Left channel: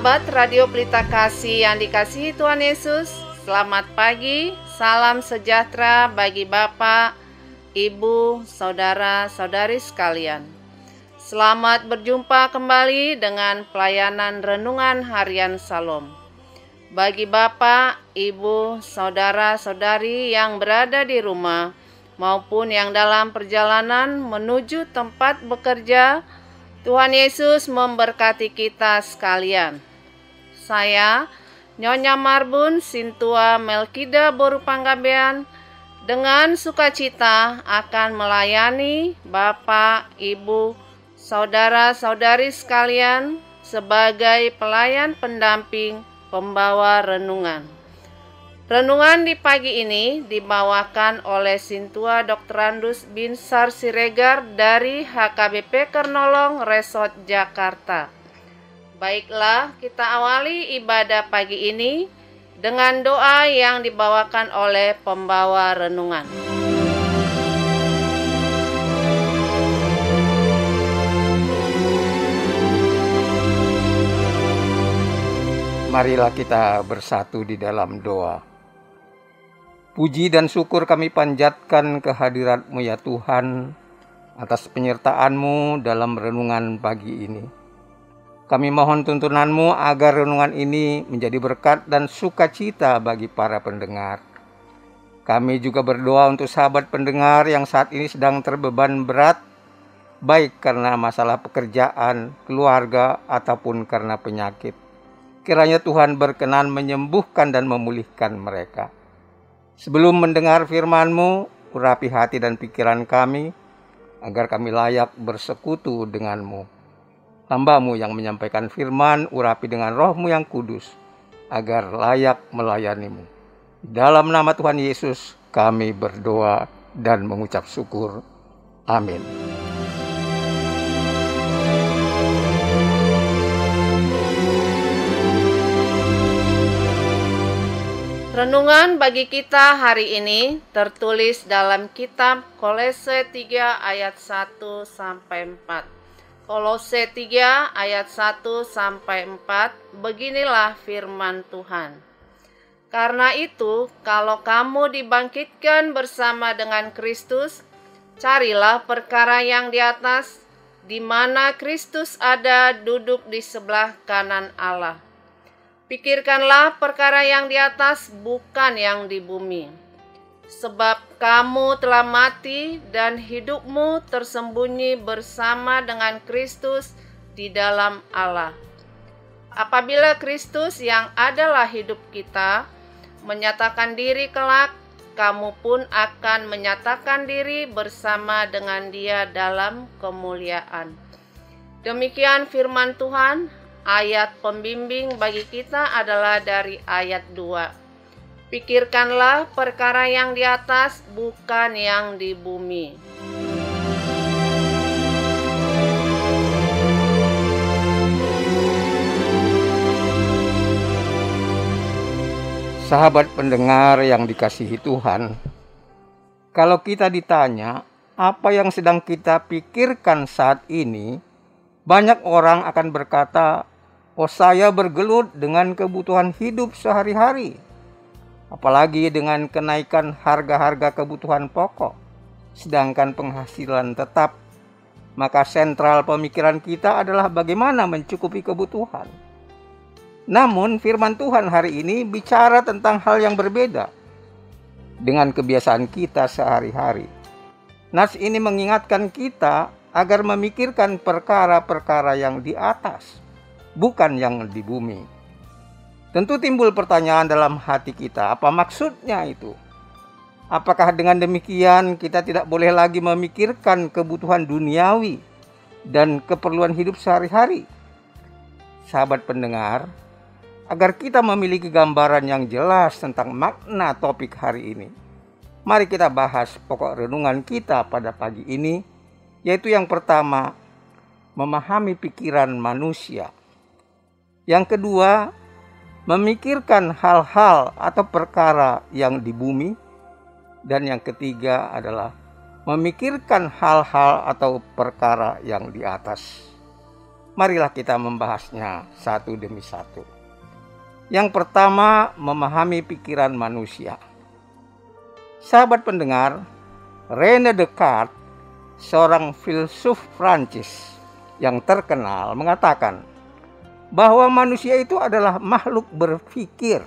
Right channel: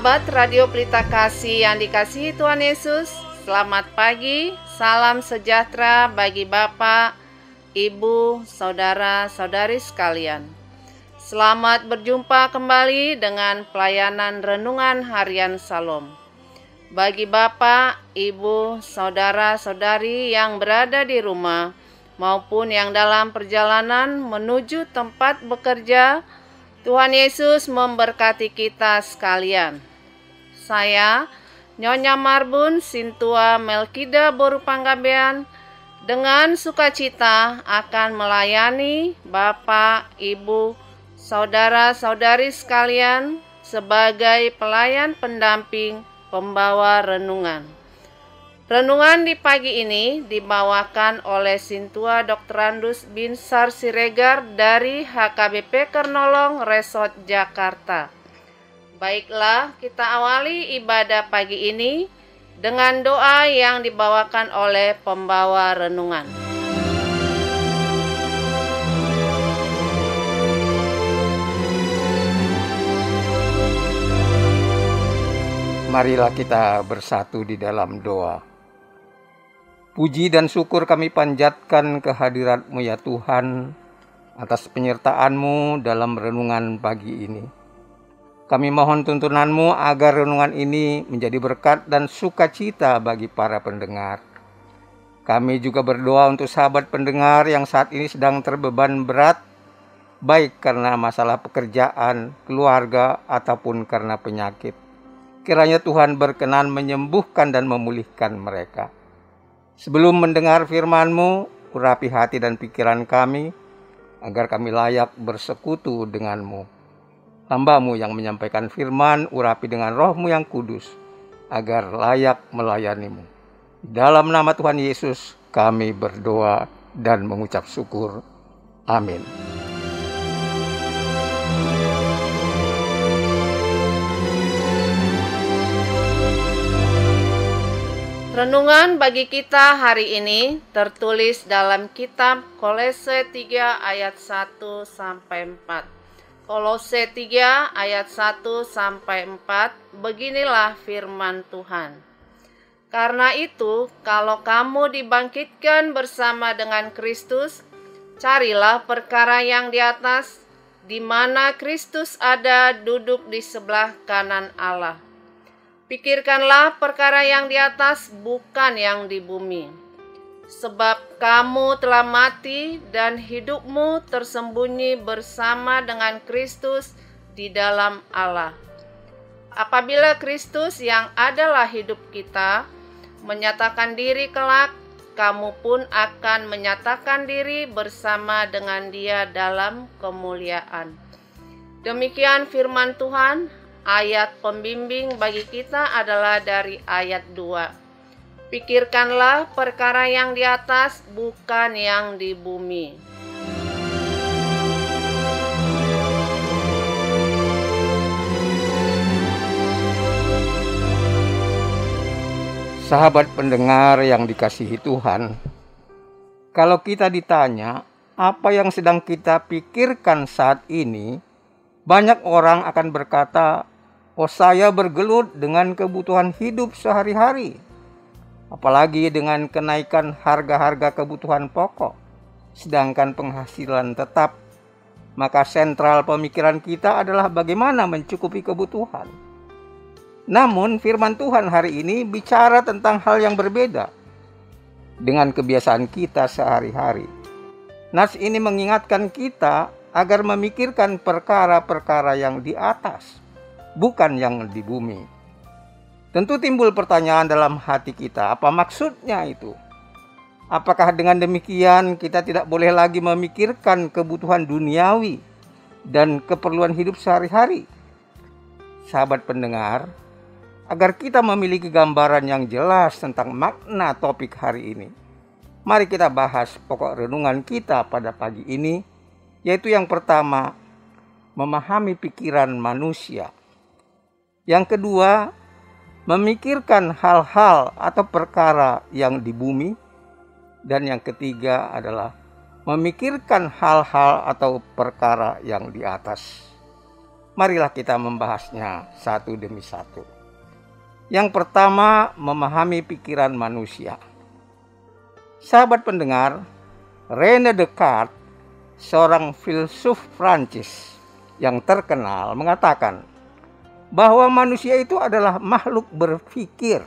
Sahabat Radio Pelita Kasih yang dikasihi Tuhan Yesus, selamat pagi, salam sejahtera bagi Bapak, Ibu, saudara-saudari sekalian. Selamat berjumpa kembali dengan pelayanan Renungan Harian Salom. Bagi Bapak, Ibu, saudara-saudari yang berada di rumah maupun yang dalam perjalanan menuju tempat bekerja, Tuhan Yesus memberkati kita sekalian. Saya, Nyonya Marbun Sintua Melkida Boru Panggabean, dengan sukacita akan melayani Bapak, Ibu, saudara-saudari sekalian sebagai pelayan pendamping pembawa renungan. Renungan di pagi ini dibawakan oleh Sintua Dr. Andus Binsar Siregar dari HKBP Kernolong Resort Jakarta. Baiklah, kita awali ibadah pagi ini dengan doa yang dibawakan oleh pembawa renungan. Marilah kita bersatu di dalam doa. Puji dan syukur kami panjatkan kehadirat-Mu ya Tuhan, atas penyertaan-Mu dalam renungan pagi ini. Kami mohon tuntunan-Mu agar renungan ini menjadi berkat dan sukacita bagi para pendengar. Kami juga berdoa untuk sahabat pendengar yang saat ini sedang terbeban berat, baik karena masalah pekerjaan, keluarga, ataupun karena penyakit. Kiranya Tuhan berkenan menyembuhkan dan memulihkan mereka. Sebelum mendengar firman-Mu, urapi hati dan pikiran kami, agar kami layak bersekutu dengan-Mu. Hamba-Mu yang menyampaikan firman, urapi dengan Roh-Mu yang kudus, agar layak melayani-Mu. Dalam nama Tuhan Yesus, kami berdoa dan mengucap syukur. Amin. Renungan bagi kita hari ini tertulis dalam kitab Kolose 3 ayat 1 sampai 4. Kolose 3 ayat 1 sampai 4, beginilah firman Tuhan. Karena itu, kalau kamu dibangkitkan bersama dengan Kristus, carilah perkara yang di atas, di mana Kristus ada duduk di sebelah kanan Allah. Pikirkanlah perkara yang di atas, bukan yang di bumi. Sebab kamu telah mati dan hidupmu tersembunyi bersama dengan Kristus di dalam Allah. Apabila Kristus yang adalah hidup kita menyatakan diri kelak, kamu pun akan menyatakan diri bersama dengan Dia dalam kemuliaan. Demikian firman Tuhan. Ayat pembimbing bagi kita adalah dari ayat 2. Pikirkanlah perkara yang di atas, bukan yang di bumi. Sahabat pendengar yang dikasihi Tuhan, kalau kita ditanya apa yang sedang kita pikirkan saat ini, banyak orang akan berkata, "Oh, saya bergelut dengan kebutuhan hidup sehari-hari." Apalagi dengan kenaikan harga-harga kebutuhan pokok, sedangkan penghasilan tetap. Maka sentral pemikiran kita adalah bagaimana mencukupi kebutuhan. Namun firman Tuhan hari ini bicara tentang hal yang berbeda dengan kebiasaan kita sehari-hari. Nas ini mengingatkan kita agar memikirkan perkara-perkara yang di atas, bukan yang di bumi. Tentu timbul pertanyaan dalam hati kita, apa maksudnya itu? Apakah dengan demikian kita tidak boleh lagi memikirkan kebutuhan duniawi dan keperluan hidup sehari-hari? Sahabat pendengar, agar kita memiliki gambaran yang jelas tentang makna topik hari ini, mari kita bahas pokok renungan kita pada pagi ini, yaitu yang pertama, memahami pikiran manusia. Yang kedua, memikirkan hal-hal atau perkara yang di bumi. Dan yang ketiga adalah memikirkan hal-hal atau perkara yang di atas. Marilah kita membahasnya satu demi satu. Yang pertama, memahami pikiran manusia. Sahabat pendengar, René Descartes, seorang filsuf Prancis yang terkenal, mengatakan bahwa manusia itu adalah makhluk berpikir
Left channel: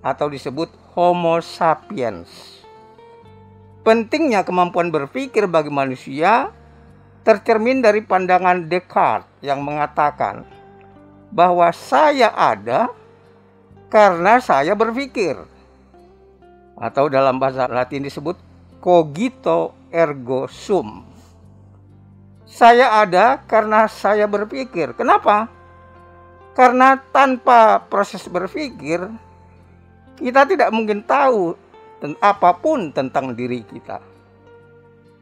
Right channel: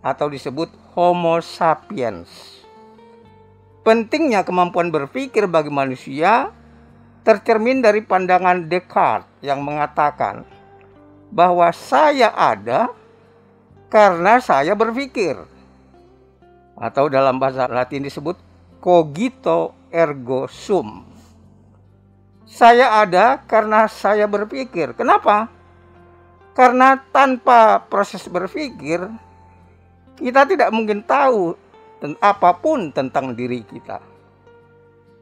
atau disebut Homo sapiens. Pentingnya kemampuan berpikir bagi manusia tercermin dari pandangan Descartes yang mengatakan bahwa saya ada karena saya berpikir, atau dalam bahasa Latin disebut cogito ergo sum. Saya ada karena saya berpikir. Kenapa? Karena tanpa proses berpikir, kita tidak mungkin tahu apapun tentang diri kita.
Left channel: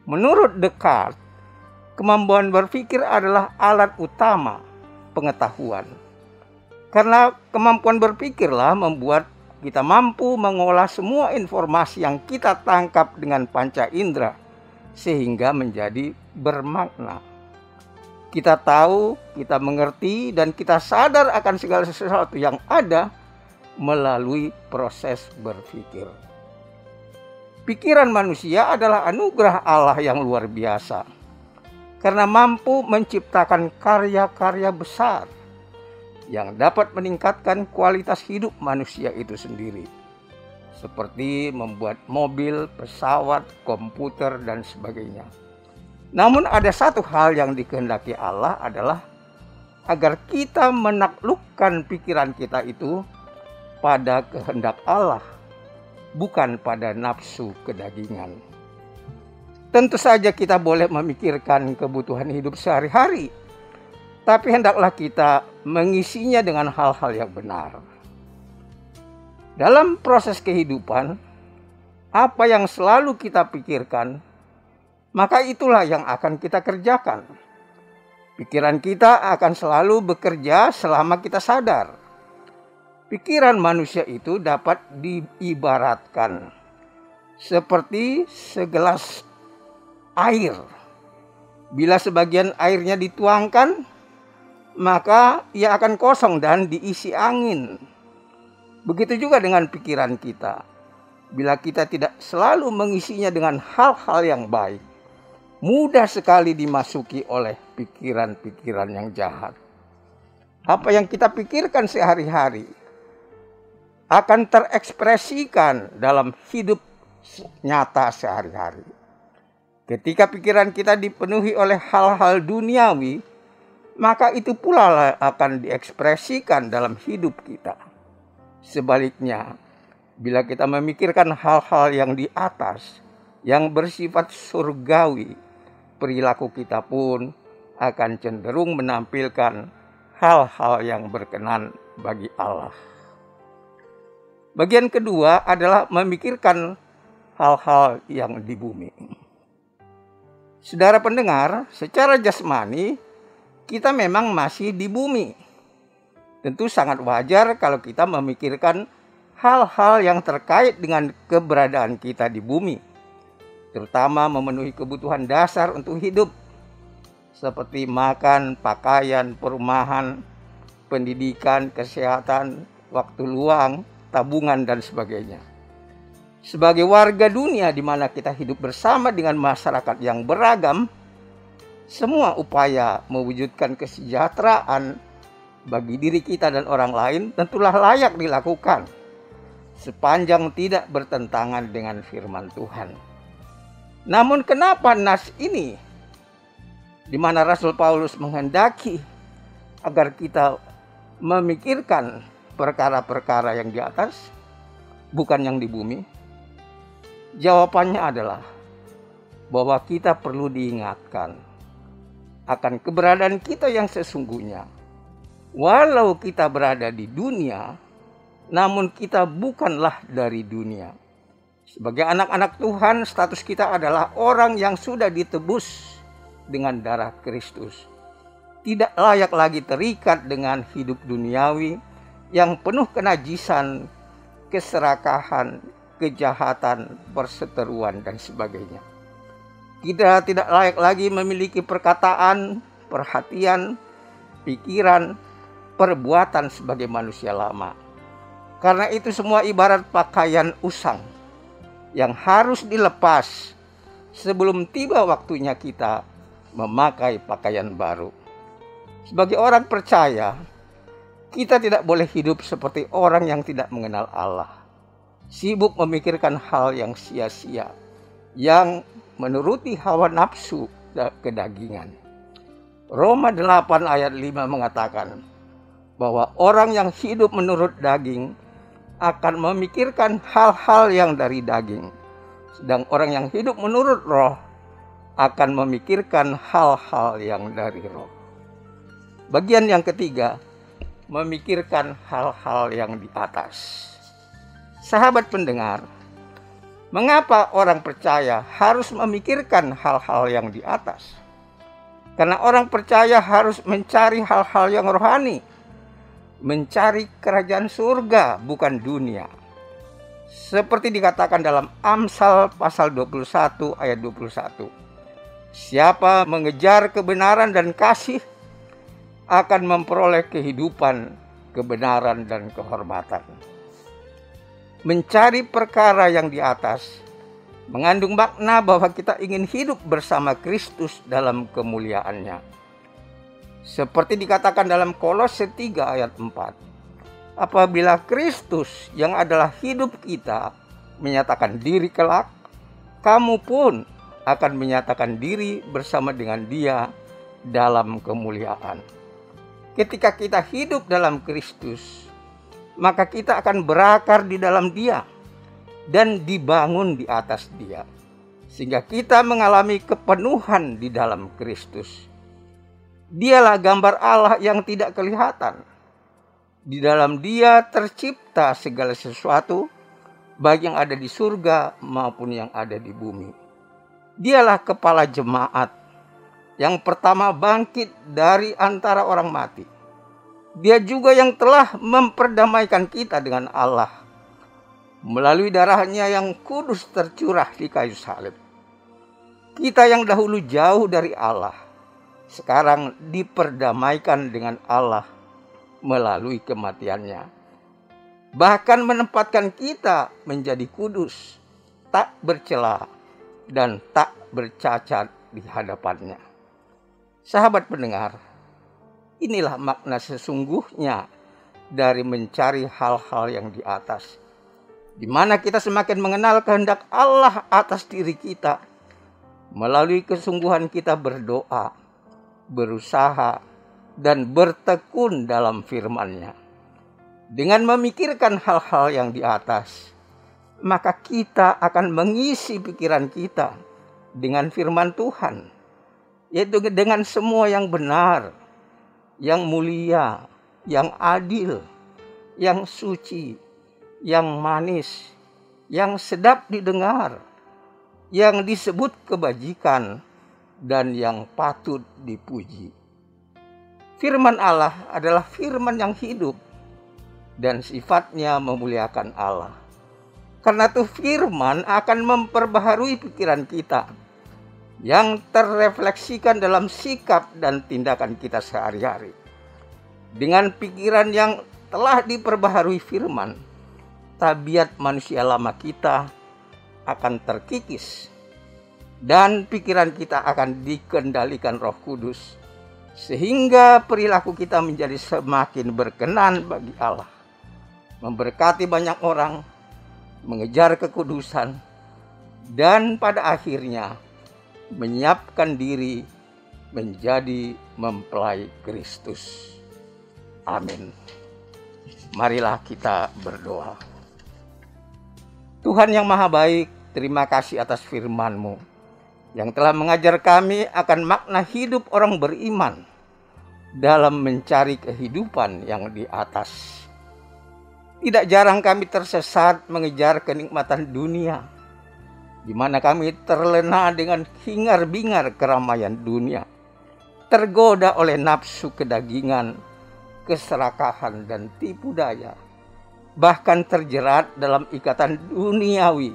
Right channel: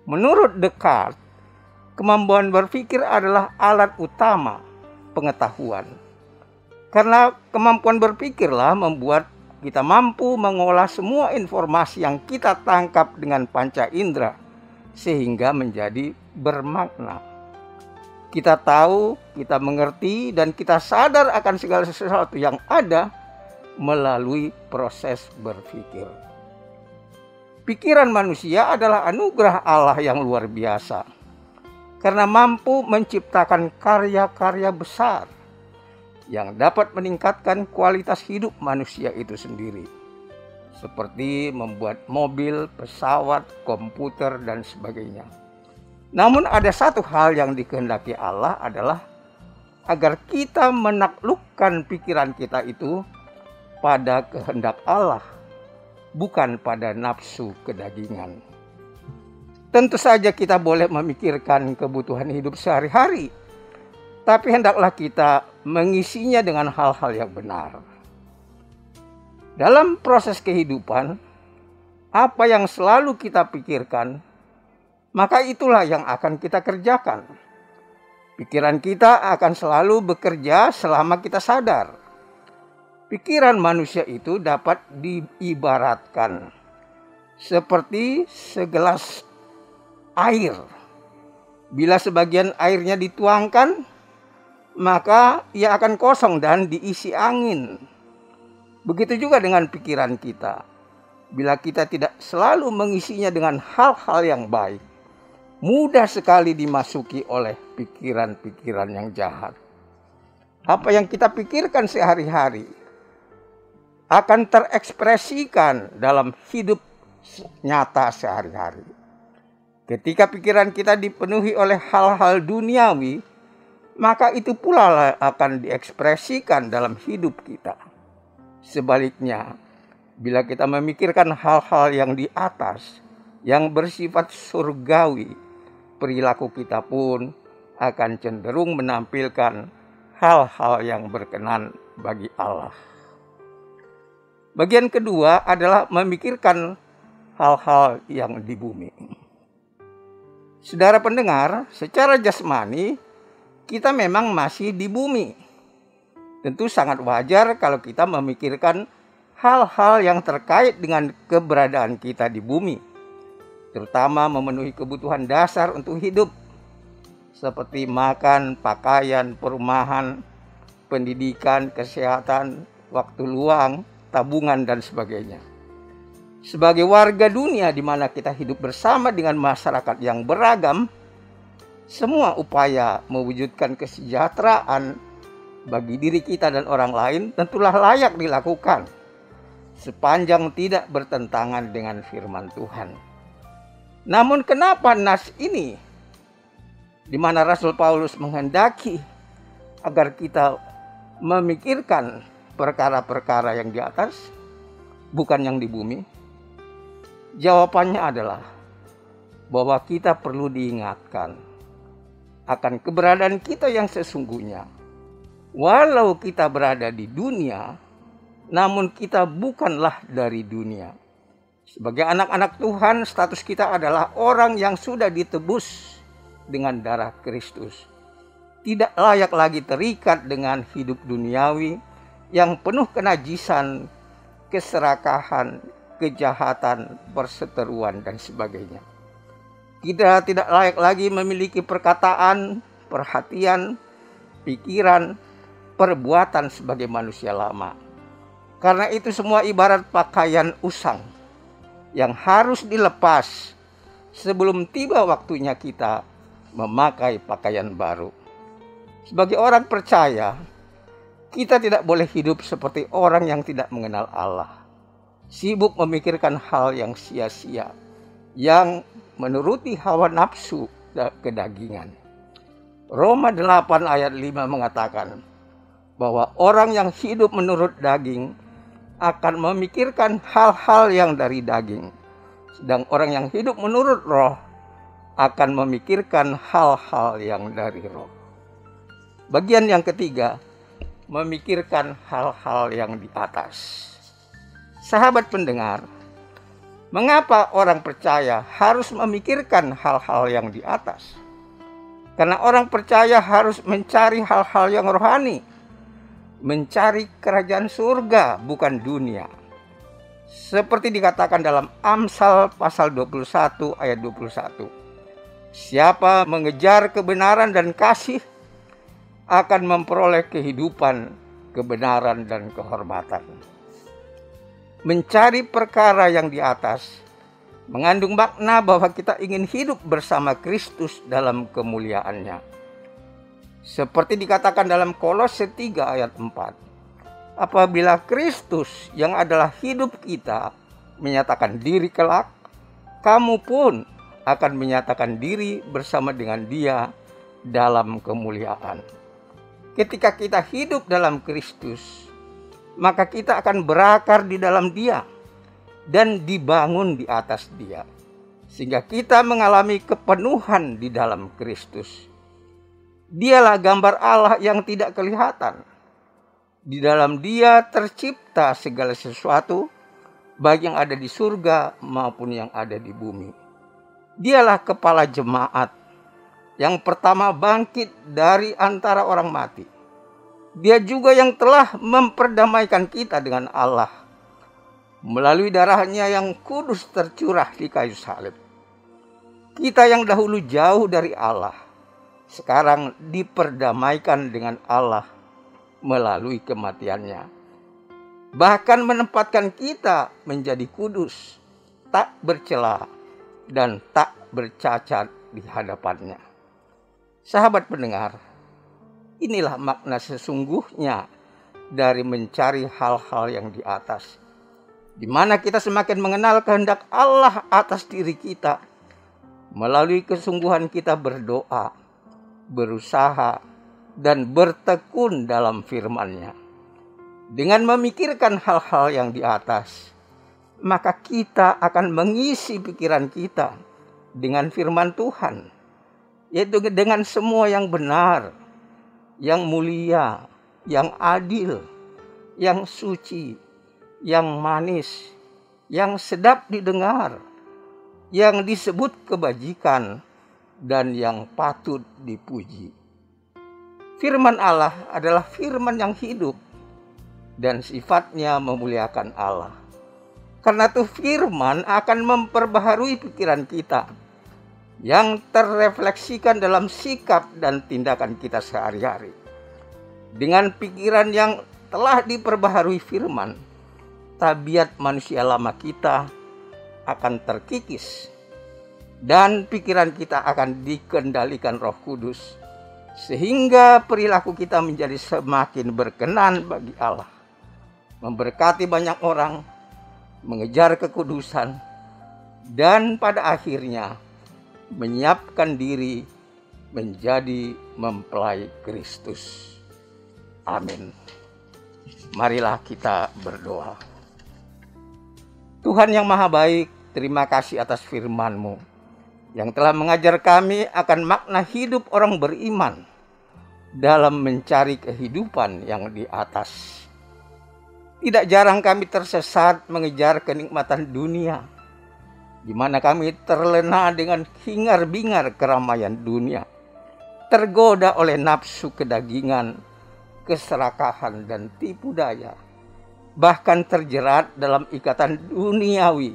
Menurut Descartes, kemampuan berpikir adalah alat utama pengetahuan. Karena kemampuan berpikirlah membuat kita mampu mengolah semua informasi yang kita tangkap dengan panca indera sehingga menjadi bermakna. Kita tahu, kita mengerti, dan kita sadar akan segala sesuatu yang ada melalui proses berpikir. Pikiran manusia adalah anugerah Allah yang luar biasa karena mampu menciptakan karya-karya besar yang dapat meningkatkan kualitas hidup manusia itu sendiri, seperti membuat mobil, pesawat, komputer, dan sebagainya. Namun ada satu hal yang dikehendaki Allah adalah agar kita menaklukkan pikiran kita itu pada kehendak Allah, bukan pada nafsu kedagingan. Tentu saja kita boleh memikirkan kebutuhan hidup sehari-hari, tapi hendaklah kita mengisinya dengan hal-hal yang benar. Dalam proses kehidupan, apa yang selalu kita pikirkan, maka itulah yang akan kita kerjakan. Pikiran kita akan selalu bekerja selama kita sadar. Pikiran manusia itu dapat diibaratkan seperti segelas air. Bila sebagian airnya dituangkan, maka ia akan kosong dan diisi angin. Begitu juga dengan pikiran kita. Bila kita tidak selalu mengisinya dengan hal-hal yang baik, mudah sekali dimasuki oleh pikiran-pikiran yang jahat. Apa yang kita pikirkan sehari-hari akan terekspresikan dalam hidup nyata sehari-hari. Ketika pikiran kita dipenuhi oleh hal-hal duniawi, maka itu pula akan diekspresikan dalam hidup kita. Sebaliknya, bila kita memikirkan hal-hal yang di atas, yang bersifat surgawi, perilaku kita pun akan cenderung menampilkan hal-hal yang berkenan bagi Allah. Bagian kedua adalah memikirkan hal-hal yang di bumi. Saudara pendengar, secara jasmani, kita memang masih di bumi. Tentu sangat wajar kalau kita memikirkan hal-hal yang terkait dengan keberadaan kita di bumi, terutama memenuhi kebutuhan dasar untuk hidup, seperti makan, pakaian, perumahan, pendidikan, kesehatan, waktu luang, tabungan, dan sebagainya. Sebagai warga dunia di mana kita hidup bersama dengan masyarakat yang beragam, semua upaya mewujudkan kesejahteraan bagi diri kita dan orang lain tentulah layak dilakukan, sepanjang tidak bertentangan dengan firman Tuhan. Namun kenapa nas ini, di mana Rasul Paulus menghendaki agar kita memikirkan perkara-perkara yang di atas, bukan yang di bumi? Jawabannya adalah bahwa kita perlu diingatkan akan keberadaan kita yang sesungguhnya. Walau kita berada di dunia, namun kita bukanlah dari dunia. Sebagai anak-anak Tuhan, status kita adalah orang yang sudah ditebus dengan darah Kristus. Tidak layak lagi terikat dengan hidup duniawi yang penuh kenajisan, keserakahan, kejahatan, perseteruan, dan sebagainya. Kita tidak layak lagi memiliki perkataan, perhatian, pikiran, perbuatan sebagai manusia lama. Karena itu semua ibarat pakaian usang yang harus dilepas sebelum tiba waktunya kita memakai pakaian baru. Sebagai orang percaya, kita tidak boleh hidup seperti orang yang tidak mengenal Allah, sibuk memikirkan hal yang sia-sia, yang menuruti hawa nafsu kedagingan. Roma 8 ayat 5 mengatakan bahwa orang yang hidup menurut daging akan memikirkan hal-hal yang dari daging, sedang orang yang hidup menurut roh akan memikirkan hal-hal yang dari roh. Bagian yang ketiga, memikirkan hal-hal yang di atas. Sahabat pendengar, mengapa orang percaya harus memikirkan hal-hal yang di atas? Karena orang percaya harus mencari hal-hal yang rohani, mencari kerajaan surga, bukan dunia. Seperti dikatakan dalam Amsal pasal 21 ayat 21. Siapa mengejar kebenaran dan kasih akan memperoleh kehidupan, kebenaran, dan kehormatan. Mencari perkara yang di atas mengandung makna bahwa kita ingin hidup bersama Kristus dalam kemuliaannya. Seperti dikatakan dalam Kolose 3 ayat 4. Apabila Kristus yang adalah hidup kita menyatakan diri kelak, kamu pun akan menyatakan diri bersama dengan Dia dalam kemuliaan. Ketika kita hidup dalam Kristus, maka kita akan berakar di dalam Dia dan dibangun di atas Dia, sehingga kita mengalami kepenuhan di dalam Kristus. Dialah gambar Allah yang tidak kelihatan. Di dalam Dia tercipta segala sesuatu, baik yang ada di surga maupun yang ada di bumi. Dialah kepala jemaat yang pertama bangkit dari antara orang mati. Dia juga yang telah memperdamaikan kita dengan Allah melalui darahnya yang kudus tercurah di kayu salib. Kita yang dahulu jauh dari Allah, sekarang diperdamaikan dengan Allah melalui kematiannya. Bahkan menempatkan kita menjadi kudus, tak bercela, dan tak bercacat di hadapannya. Sahabat pendengar, inilah makna sesungguhnya dari mencari hal-hal yang di atas, di mana kita semakin mengenal kehendak Allah atas diri kita, melalui kesungguhan kita berdoa, berusaha, dan bertekun dalam firman-Nya. Dengan memikirkan hal-hal yang di atas, maka kita akan mengisi pikiran kita dengan firman Tuhan, yaitu dengan semua yang benar, yang mulia, yang adil, yang suci, yang manis, yang sedap didengar, yang disebut kebajikan, dan yang patut dipuji. Firman Allah adalah firman yang hidup dan sifatnya memuliakan Allah. Karena itu firman akan memperbaharui pikiran kita yang terrefleksikan dalam sikap dan tindakan kita sehari-hari. Dengan pikiran yang telah diperbaharui firman, tabiat manusia lama kita akan terkikis dan pikiran kita akan dikendalikan Roh Kudus, sehingga perilaku kita menjadi semakin berkenan bagi Allah, memberkati banyak orang, mengejar kekudusan, dan pada akhirnya menyiapkan diri menjadi mempelai Kristus. Amin. Marilah kita berdoa. Tuhan yang Maha Baik, terima kasih atas firman-Mu yang telah mengajar kami akan makna hidup orang beriman dalam mencari kehidupan yang di atas. Tidak jarang kami tersesat mengejar kenikmatan dunia, di mana kami terlena dengan hingar-bingar keramaian dunia, tergoda oleh nafsu kedagingan, keserakahan, dan tipu daya, bahkan terjerat dalam ikatan duniawi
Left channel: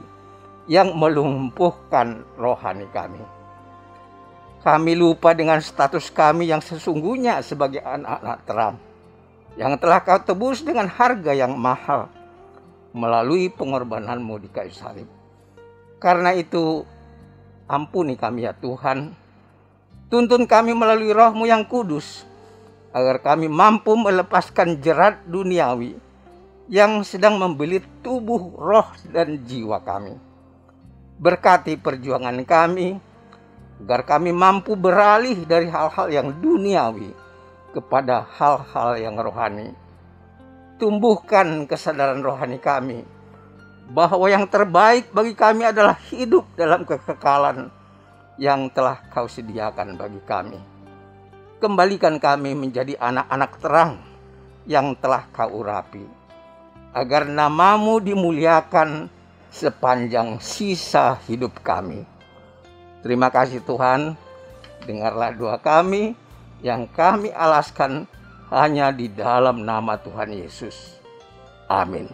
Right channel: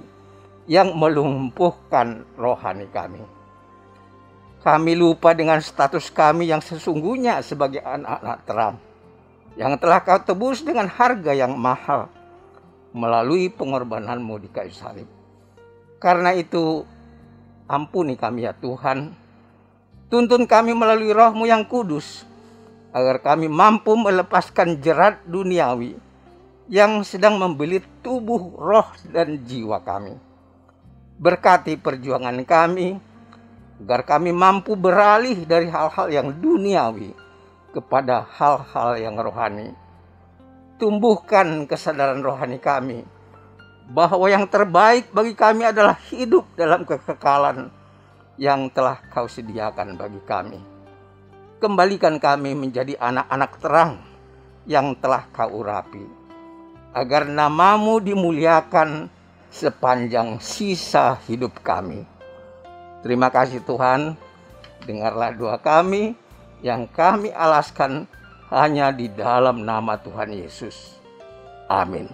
yang melumpuhkan rohani kami. Kami lupa dengan status kami yang sesungguhnya sebagai anak-anak terang, yang telah Kau tebus dengan harga yang mahal melalui pengorbanan-Mu di kayu salib. Karena itu, ampuni kami ya Tuhan. Tuntun kami melalui Roh-Mu yang kudus, agar kami mampu melepaskan jerat duniawi yang sedang membelit tubuh, roh, dan jiwa kami. Berkati perjuangan kami, agar kami mampu beralih dari hal-hal yang duniawi kepada hal-hal yang rohani. Tumbuhkan kesadaran rohani kami, bahwa yang terbaik bagi kami adalah hidup dalam kekekalan yang telah Kau sediakan bagi kami. Kembalikan kami menjadi anak-anak terang yang telah Kau urapi, agar nama-Mu dimuliakan sepanjang sisa hidup kami. Terima kasih Tuhan, dengarlah doa kami yang kami alaskan hanya di dalam nama Tuhan Yesus. Amin.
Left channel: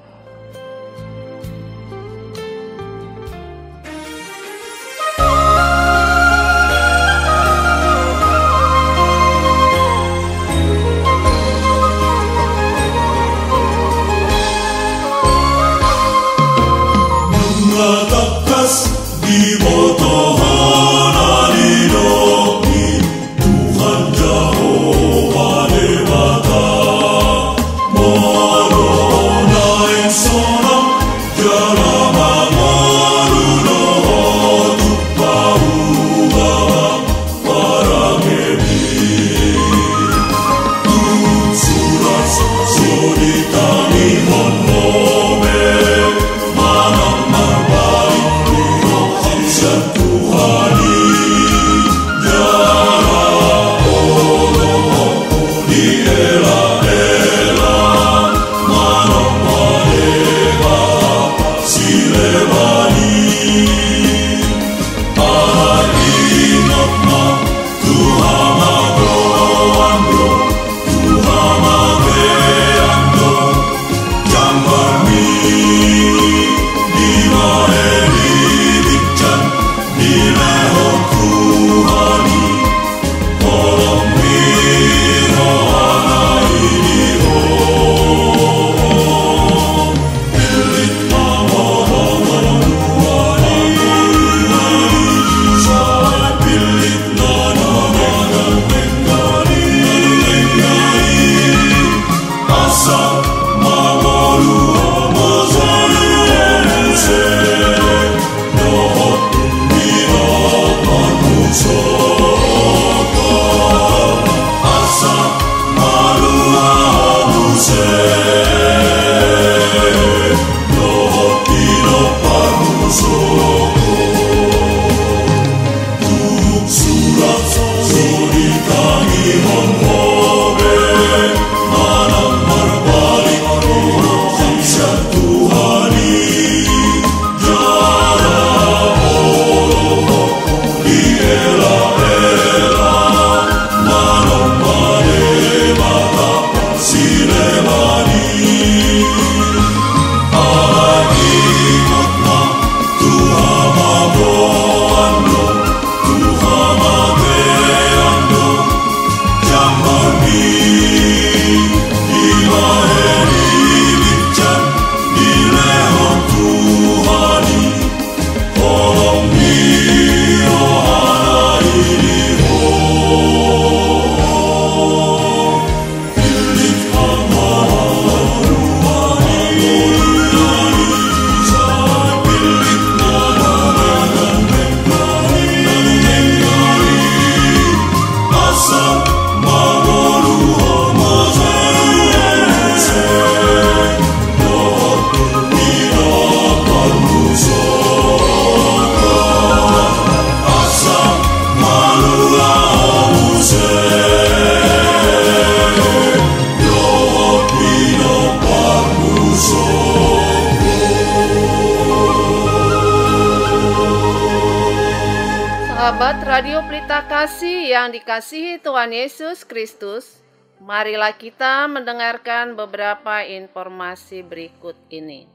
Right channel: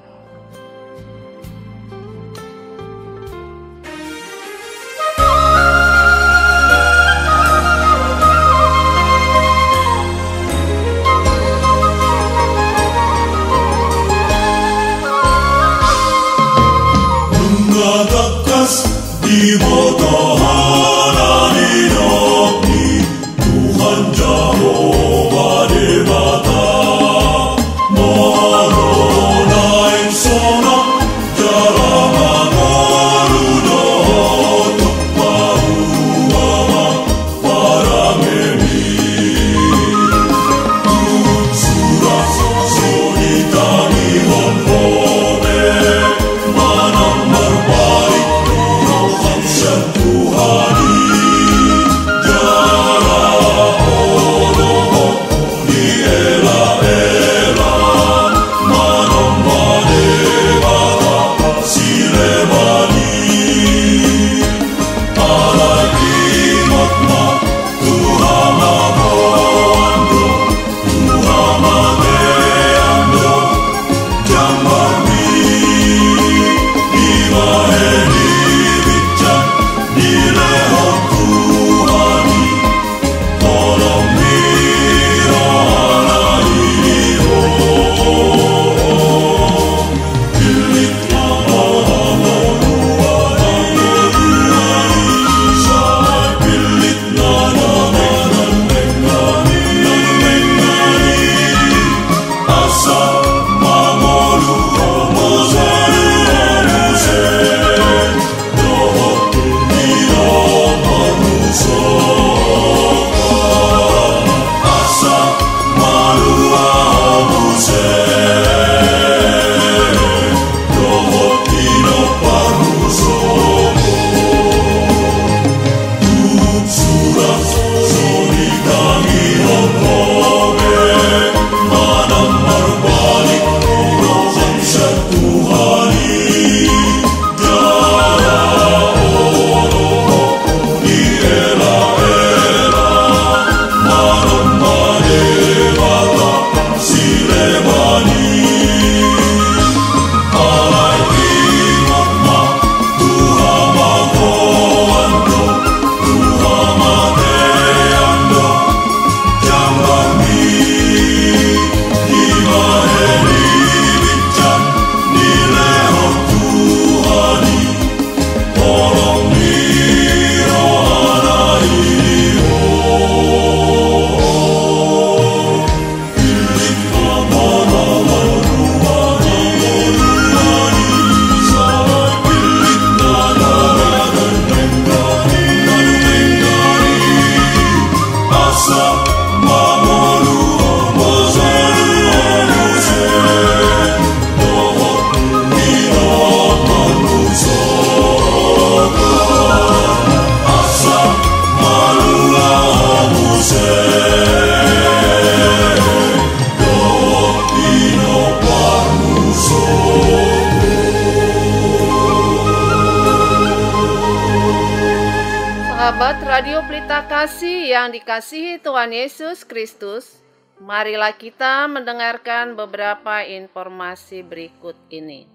Sahabat Radio Pelita Kasih yang dikasihi Tuhan Yesus Kristus, marilah kita mendengarkan beberapa informasi berikut ini.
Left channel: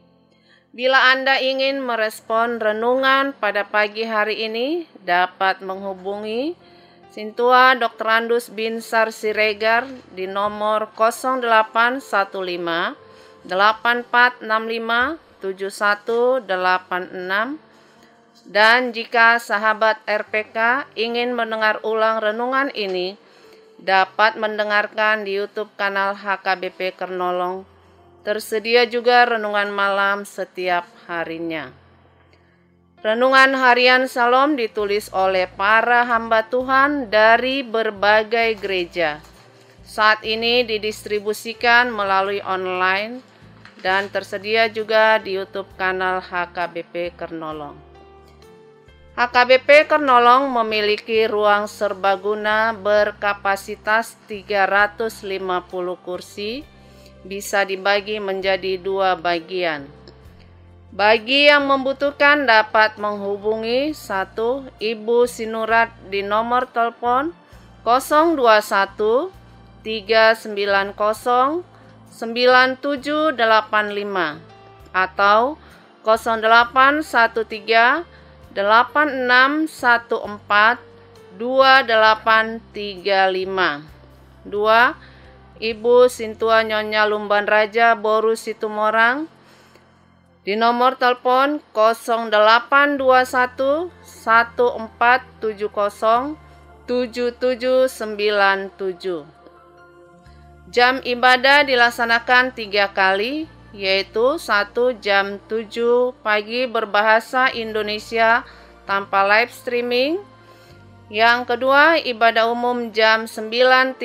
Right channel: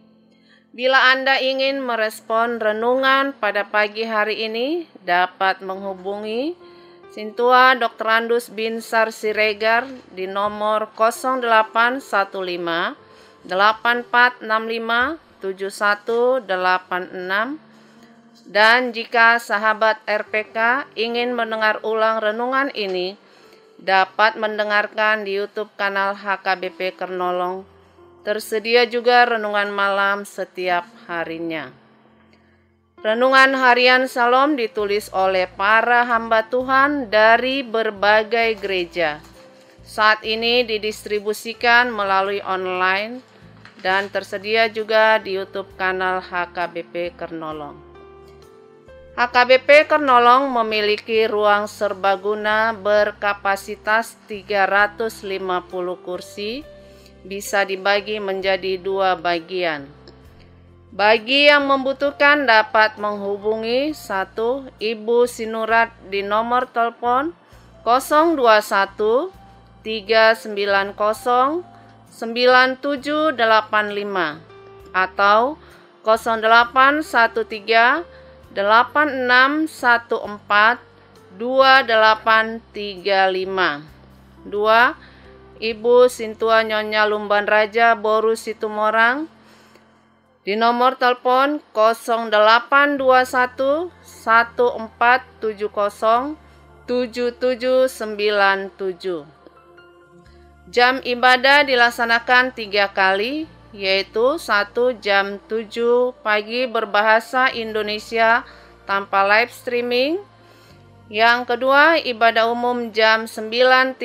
Bila Anda ingin merespon renungan pada pagi hari ini, dapat menghubungi Sintua Dr. Andus Binsar Siregar di nomor 0815 8465 7186. Dan jika sahabat RPK ingin mendengar ulang renungan ini, dapat mendengarkan di YouTube kanal HKBP Kernolong. Tersedia juga renungan malam setiap harinya. Renungan harian Salom ditulis oleh para hamba Tuhan dari berbagai gereja. Saat ini didistribusikan melalui online dan tersedia juga di YouTube kanal HKBP Kernolong. HKBP Kernolong memiliki ruang serbaguna berkapasitas 350 kursi, bisa dibagi menjadi 2 bagian. Bagi yang membutuhkan dapat menghubungi 1. Ibu Sinurat di nomor telepon 021 390 9785 atau 0813 8614 2835. 2. Ibu Sintua Nyonya Lumban Raja Boru Situmorang di nomor telepon 0821 1470 7797. Jam ibadah dilaksanakan 3 kali, yaitu 1 jam 7 pagi berbahasa Indonesia tanpa live streaming. Yang kedua, ibadah umum jam 9.30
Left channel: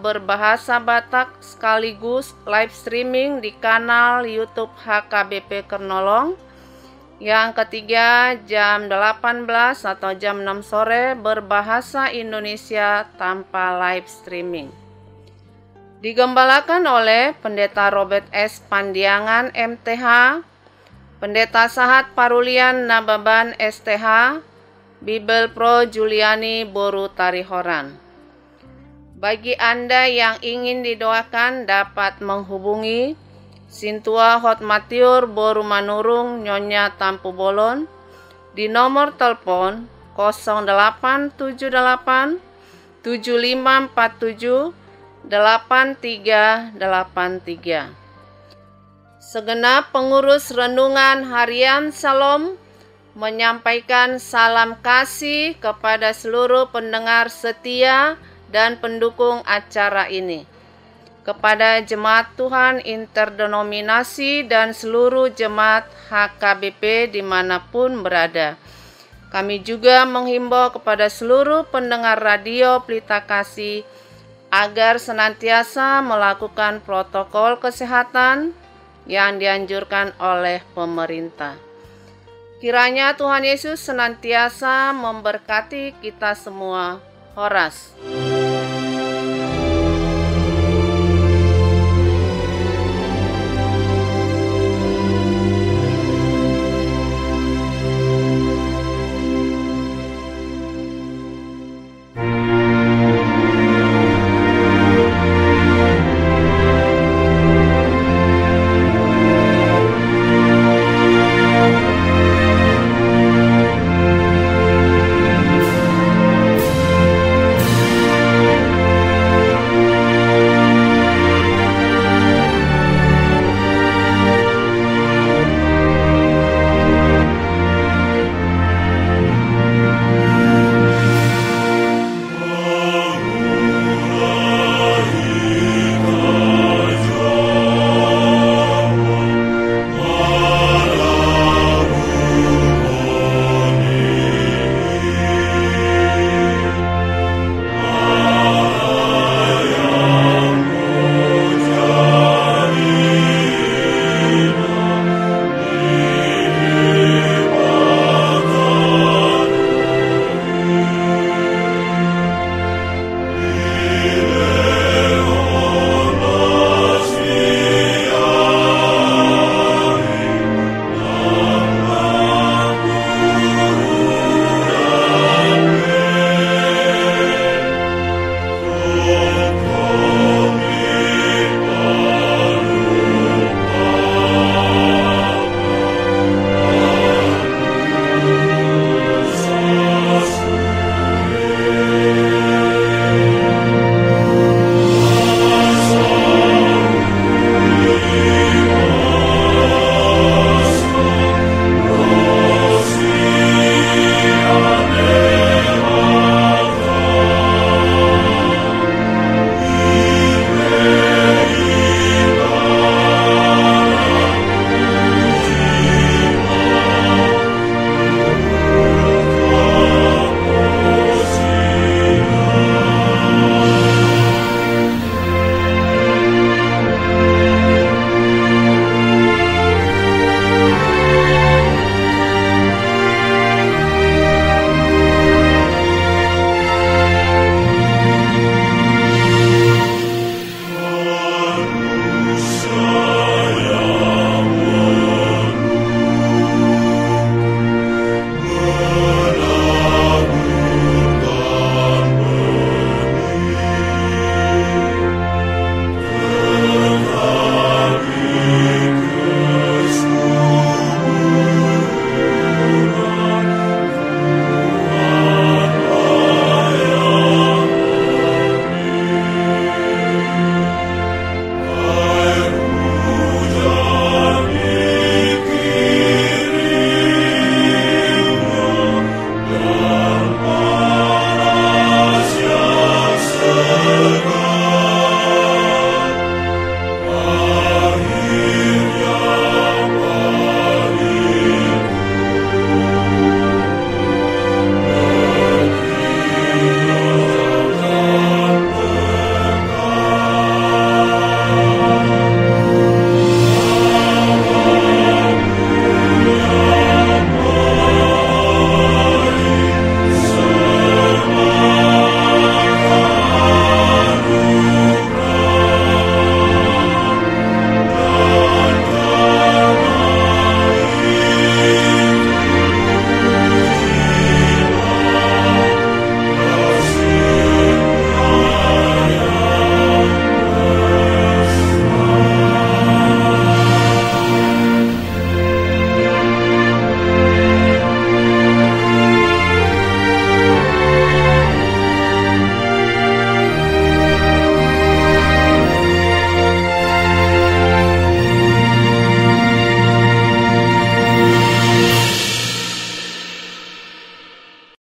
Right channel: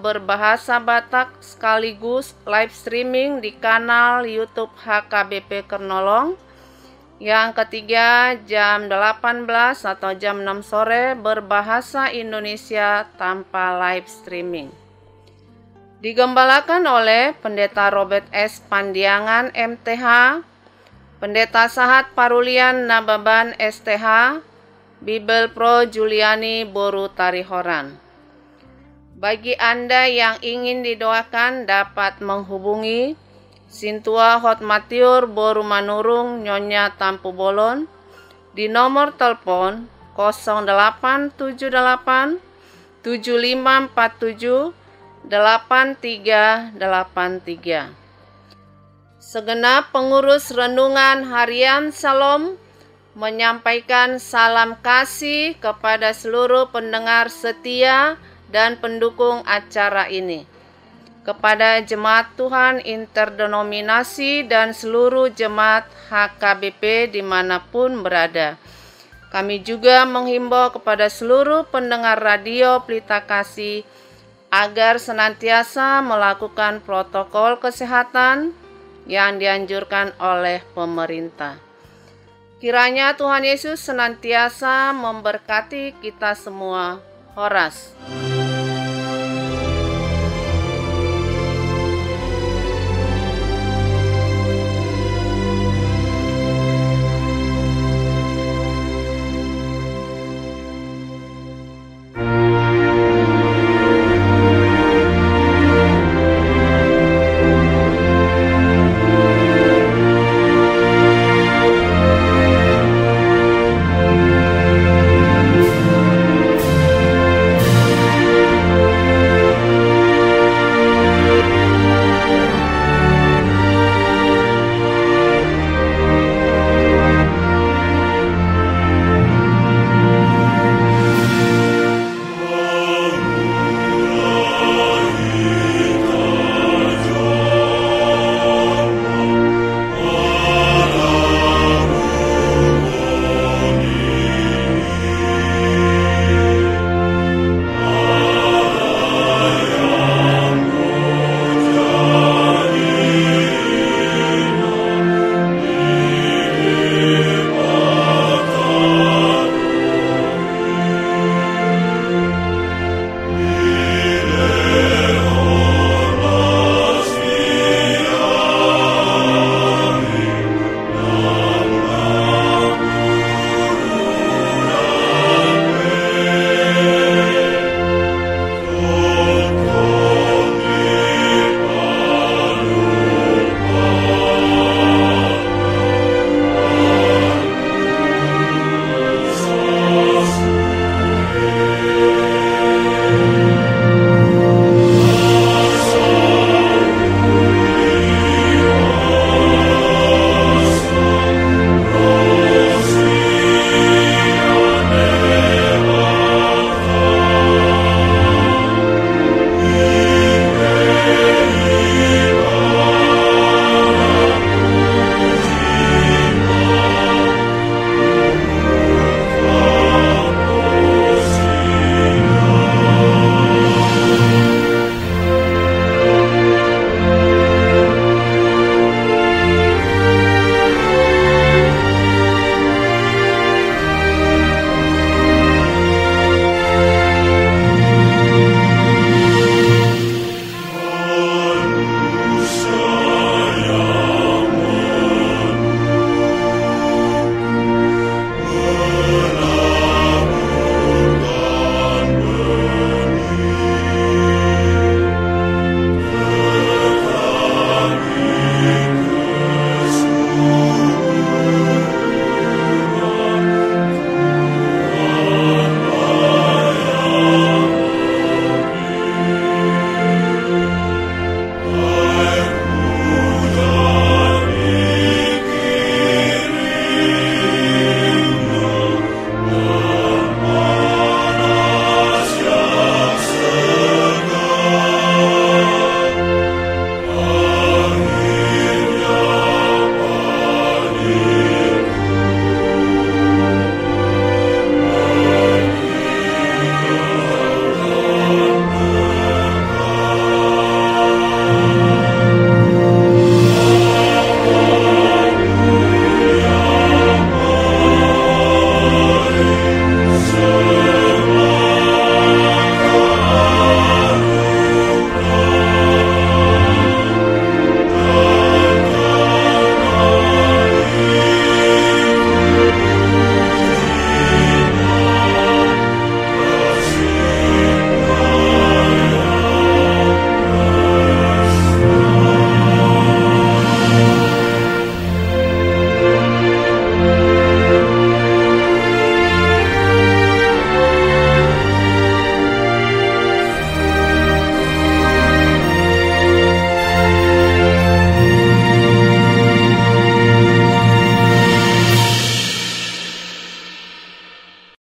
berbahasa Batak sekaligus live streaming di kanal YouTube HKBP Kernolong. Yang ketiga, jam 18 atau jam 6 sore berbahasa Indonesia tanpa live streaming. Digembalakan oleh Pendeta Robert S. Pandiangan MTH, Pendeta Sahat Parulian Nababan STH, Bibel Pro Juliani Boru Tarihoran. Bagi Anda yang ingin didoakan dapat menghubungi Sintua Hotmatiur Boru Manurung Nyonya Tampu Bolon di nomor telepon 0878 7547 8383. Segenap pengurus renungan harian Salom menyampaikan salam kasih kepada seluruh pendengar setia dan pendukung acara ini, kepada jemaat Tuhan interdenominasi dan seluruh jemaat HKBP dimanapun berada. Kami juga menghimbau kepada seluruh pendengar radio Pelita Kasih agar senantiasa melakukan protokol kesehatan yang dianjurkan oleh pemerintah. Kiranya Tuhan Yesus senantiasa memberkati kita semua. Horas.